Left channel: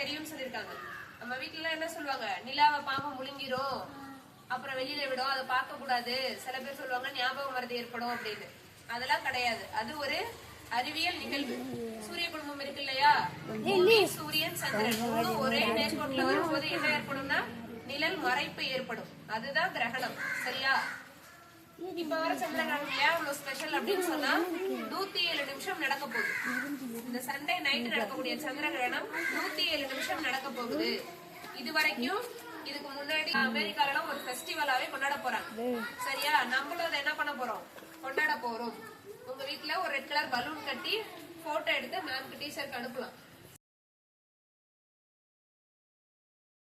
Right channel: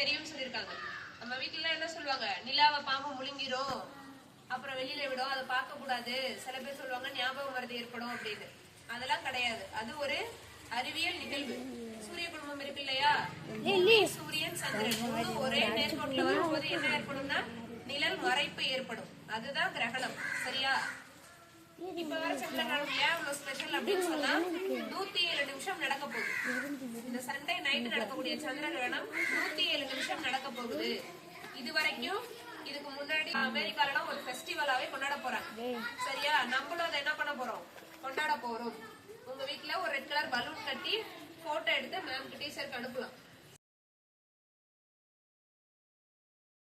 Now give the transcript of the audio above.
தெரியும்னு சொல்லிருக்காங்க. நம்ம வீட்டுல என்ன சொல்லுவாங்க, நிலாவை பாம்பு முழுங்கிரும், அப்புறம் வெளியில விடும், அதை பார்க்க கூடாது. சில பேர் சொல்லுவாங்க ஞாபக மறதி ஏற்படும் அப்படின்னு. அதெல்லாம் கிடையாது. அது ஒரு அறிவியல் நிகழ்வு. சூரிய குடும்பம் இருக்கு இல்லையா, பூமி, சூரியன், சந்திரன் மூணும் ஒரே நேர்கோட்டுல வரும்போது என்ன ஏற்படும்னா நிழல் மறைப்பு ஏற்படும். அதுதான் கிரகணம். சரியா? இப்ப வர சந்திர கிரகணம் ஏன் இவ்வளவு ஸ்பெஷல் அப்படின்னு சொன்னா 107 நிமிஷம் நடக்க போகுது. இந்த சண்டே நைட்டு நடக்கக்கூடிய சந்திர கிரகணம் 107 நிமிஷம் நடக்க போகுது. இது வரைக்கும் இதுக்கு முன்னாடி அமெரிக்கால ஒரு ஃபெஸ்டிவலாவே கொண்டாட போறாங்க. சரியா? நம்மளும் அதை என்ன பண்ண போறோம், கொண்டாட போறோம். உங்க வீட்டுல ஒரு ரெட் கலர் பலூன் கட்டி போட்டோ எடுத்து மேம்க்கு டீச்சருக்கு அனுப்பலாம்.